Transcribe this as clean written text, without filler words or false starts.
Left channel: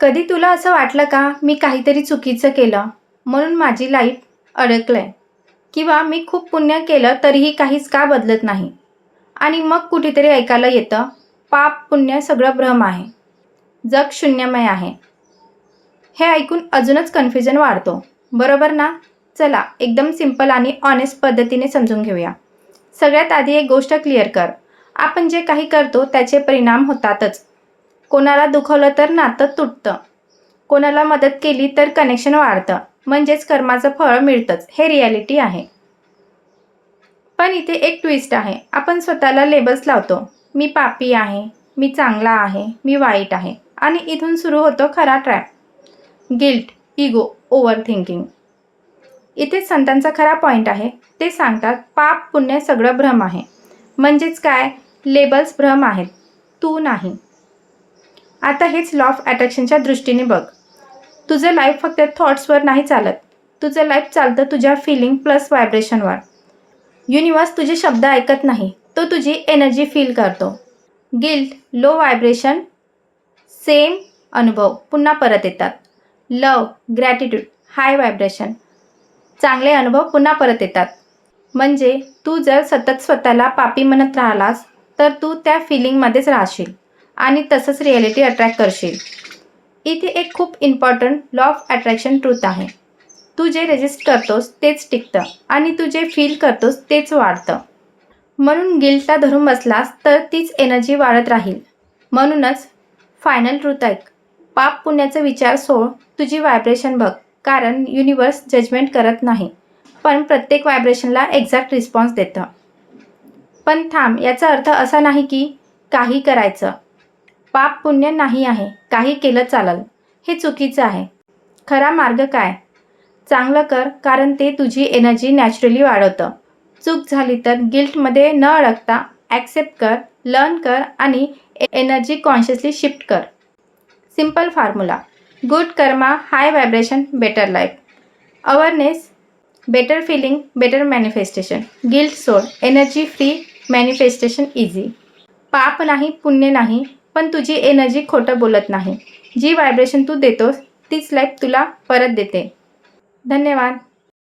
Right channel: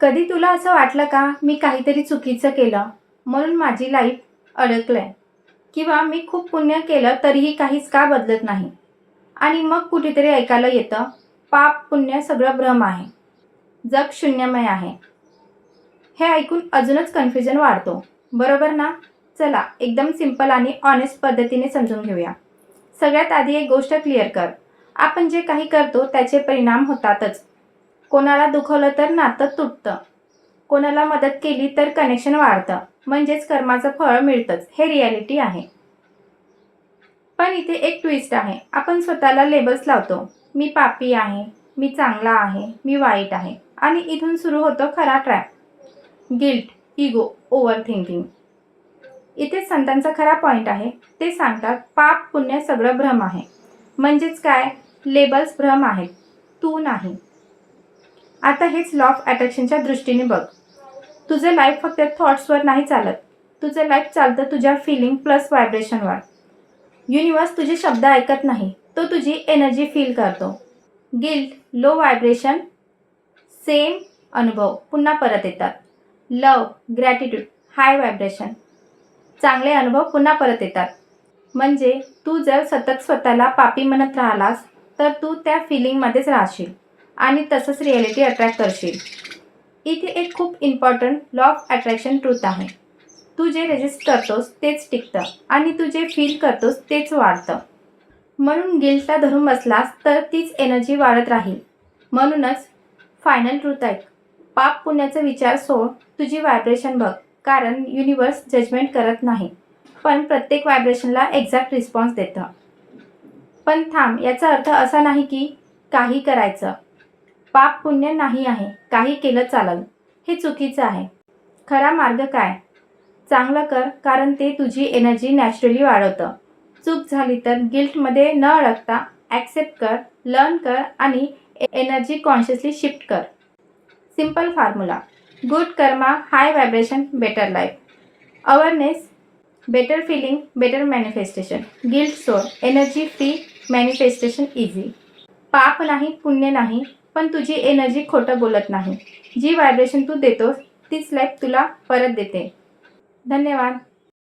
कधी तुला असं वाटलं का मी काहीतरी चुकीचं केलं म्हणून माझी लाईफ अडकलंय? किंवा मी खूप पुण्य केलं तरीही काहीच का बदलत नाही? आणि मग कुठेतरी ऐकायला येतं, पाप पुण्य सगळं भ्रम आहे, जग शून्यमय आहे. हे ऐकून अजूनच कन्फ्युजन वाढतो, बरोबर ना? चला एकदम सिंपल आणि ऑनेस्ट पद्धतीने समजून घेऊया. सगळ्यात आधी एक गोष्ट क्लिअर कर, आपण जे काही करतो त्याचे परिणाम होतातच. कोणाला दुखवलं तर नातं तुटतं, कोणाला मदत केली तर कनेक्शन वाढतं, म्हणजेच कर्माचं फळ मिळतंच, हे रियालिटी आहे. पण इथे एक ट्विस्ट आहे. आपण स्वतःला लेबल्स लावतो, मी पापी आहे, मी चांगला आहे, मी वाईट आहे, आणि इथून सुरू होतो खरा trap. Guilt, ego, over thinking. इथे संतांचा खरा पॉईंट आहे. ते सांगतात पाप पुण्य सगळं भ्रम आहे. म्हणजेच काय? लेबल्स भ्रम आहेत, तू नाही. आता हेच लॉ ऑफ अट्रॅक्शनच्या दृष्टीने बघ. तुझं लाईफ फक्त थॉट्सवर नाही चालत, तुझं लाईफ चालतं तुझ्या फिलिंग प्लस व्हायब्रेशनवर. युनिवर्स तुझे शब्द ऐकत नाही, तो तुझी एनर्जी फील करतो. गिल्ट, लो व्हायब्रेशन, सेम अनुभव पुन्हा परत येतात. लव, ग्रॅटिट्यूड, हाय व्हायब्रेशन, चांगले अनुभव पुन्हा परत येतात. म्हणजे तू जर सतत स्वतःला पापी म्हणत राहिलास तर तू त्या फिलिंगमध्येच राहशील आणि तसंच रिॲलिटी अट्रॅक्ट करशील. इथे एक खूप important law of attraction truth आहे. तू जे रेजिस्ट करतोस तेच टिकतं आणि तू जे फील करतोस तेच वाढतं. म्हणून गिल्टला धरून बसलास तर तीच एनर्जी वाढत राहील. म्हणूनच फायनल ट्रूथ ऐक, पाप पुण्याचा विचार सोड, तुझी व्हायब्रेशन बघ. कारण युनिवर्स जजमेंट करत नाही, पण प्रत्येक व्हायब्रेशनला एक्झॅक्ट रिस्पॉन्स देतं. पण थांब, याचा अर्थ असा नाही की काही करायचं. पाप पुण्य नाही आहे, काही केलं चालेल, हे चुकीचं आहे. खरा मार्ग काय? चांगलं कर, कारण ते तुझी एनर्जी नॅचरली वाढवतं. चूक झाली तर गिल्टमध्ये न अडकता ॲक्सेप्ट कर, लर्न कर आणि एनर्जी कॉन्शियसली शिफ्ट कर. Simple formula: good karma, high vibration, better life. Awareness, better feeling, better manifestation. Guilt सोड, एनर्जी फ्री, मॅनिफेस्टेशन इझी. पाप नाही, पुण्य नाही, पण तुझी एनर्जी खोटं बोलत नाही. जी व्हायब्रेशन तू देतोस तीच लाईफ तुला परत देते. धन्यवाद.